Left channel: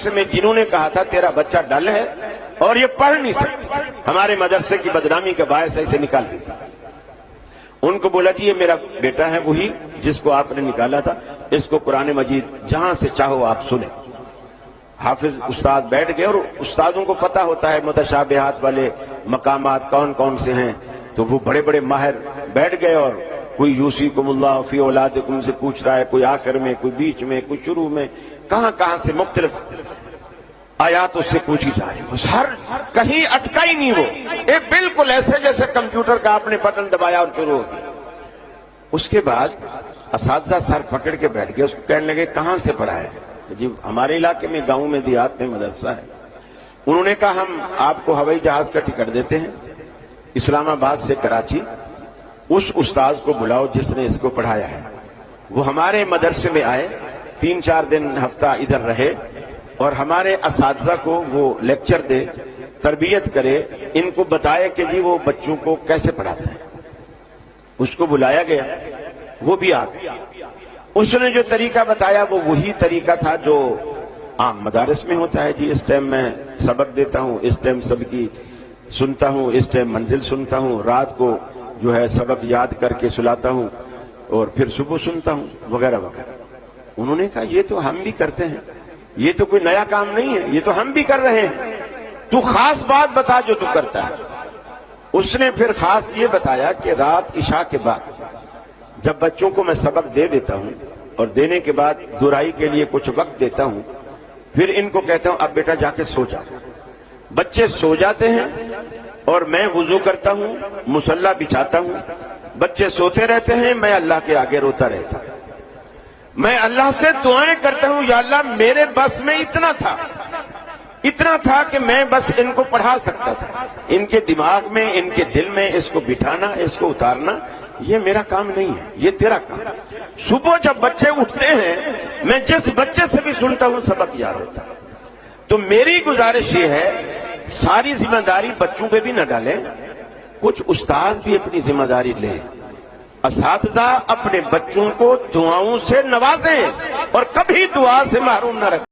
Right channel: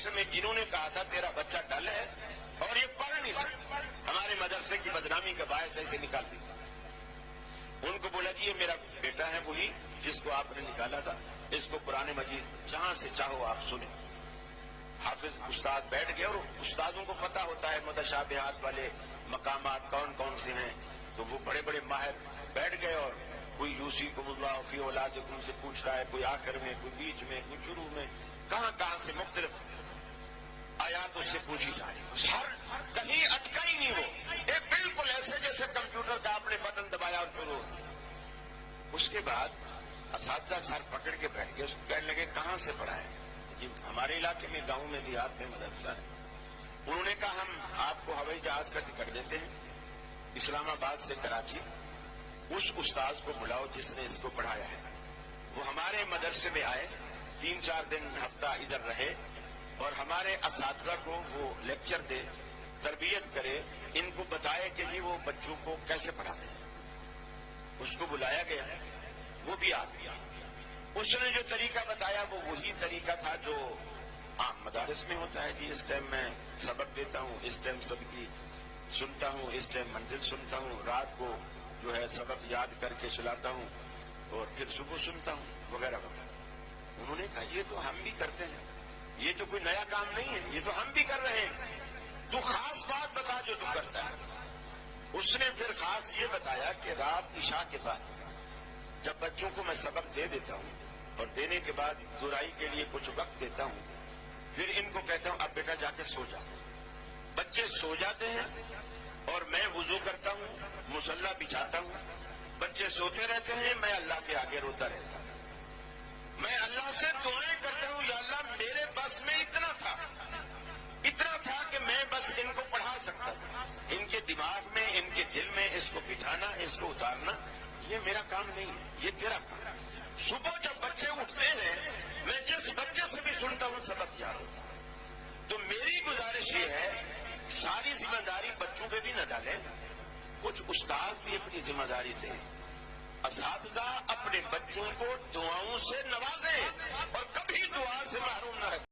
مدرسے میں جنہوں نے کہا تھا تیرا بچہ ڈل ہے اور یہ پڑھ نہیں سکتا، ہمارے مدرسے کی بدنامی کا باعث اسے نکال دیا، ان کو بولا کہ یہ میرا بیٹا ہے وہی جس کو آپ نے نکالا تھا، اس کو قرآن مجید جہاں سے چاہو آپ سنیں۔ حافظ استاد بیٹھ گئے، اور استادوں کو پتا ہوتا ہے متشابہات والے مقامات کون کون سے ہیں، تو وہ بڑے بڑے ماہر بیٹھ گئے، اور کوئی یوصیکم اللہ فی اولادکم سے پوچھ رہا ہے، کوئی آخر میں، کوئی بیچ میں، کوئی شروع میں، کہاں کہاں سے مختلف آیات اس سے پوچھی جا رہی ہے، ہر کہیں اٹکا ہی نہیں وہ، ایک بالکل ایسے جیسے کمپیوٹر کا آپ نے بٹن دبایا اور شروع ہو گیا۔ اس کے بعد اساتذہ سر پکڑ کے بیٹھ گئے، اس کو کہنے لگے کہاں سے پڑھا ہے؟ جی ہمارے علاقے میں، گاؤں میں، دیہات میں مدرسہ ہے۔ انہوں نے کہا ہم آپ کو ہوائی جہاز کا ٹکٹ دیتے ہیں اسلام آباد سے کراچی، اس استاذ کو بلاؤ جس نے اس کو پڑھایا ہے۔ وہ ہمارے مدرسے میں آئے، 3-4 دن ہفتہ ادھر رہے، اور ہمارے اساتذہ کو وہ لیکچر دے، تربیت کرے، ان کو بتائے کہ جی وہ بچوں کو کیسے پڑھاتا ہے۔ اس کو بلایا گیا، وہ بھی آ گیا، اس نے جو طریقہ بتایا وہ وہی طریقہ تھا جو عام مدارس میں ہوتا ہے، جی اس ٹائم میں سبق دیتا ہوں، اس ٹائم سب کی سنتا ہوں، اس ٹائم منزل سنتا ہوں، رات کو جو ہے سبق یاد کر کے سلاتا ہوں، اور پھر صبح سنتا ہوں، وغیرہ وغیرہ۔ انہوں نے کہا یہ تو ہم بھی کرتے ہیں، یہ تو کوئی نیا کام نہیں ہے، یہ تو ہم بھی کر رہے ہیں، تو خاص بات بتا جو تو کرتا ہے۔ اس نے پھر خاص یہ بتایا کہ رات عشاء کے بعد جب بچوں کو میں سبق دے دیتا ہوں، اور دینے کے بعد دہرائی کے لیے کچھ وقت دیتا ہوں، پھر ان کو کہتا ہوں اب بیٹا جا کے سو جا۔ بچے سو جاتے ہیں، اور میں وضو کرتا ہوں، مصلی بچھاتا ہوں، بچے سوتے رہتے ہیں، میں اللہ کے آگے روتا رہتا ہوں، میں اللہ سے دعائیں کرتا ہوں، یا اللہ میرے بس میں اتنا تھا کہ میں بس ان کو پڑھا سکتا تھا، ان کے دماغ میں، ان کے دل میں اس کو بٹھانا، اس کو اتارنا یہ میرا کام نہیں ہے، یہ تیرا کام۔ صبح جب بچے اٹھتے ہیں میں جس بچے سے بھی سنتا ہوں سبق یاد ہوتا ہے۔ تو میری گزارش یہ ہے ساری ذمہ داری بچوں پہ بھی نہ ڈالیں، کچھ استاد بھی اپنی ذمہ داری لیں، اساتذہ اپنے بچوں کو دعاؤں سے نوازیں اور کبھی دعا سے محروم نہ رکھیں۔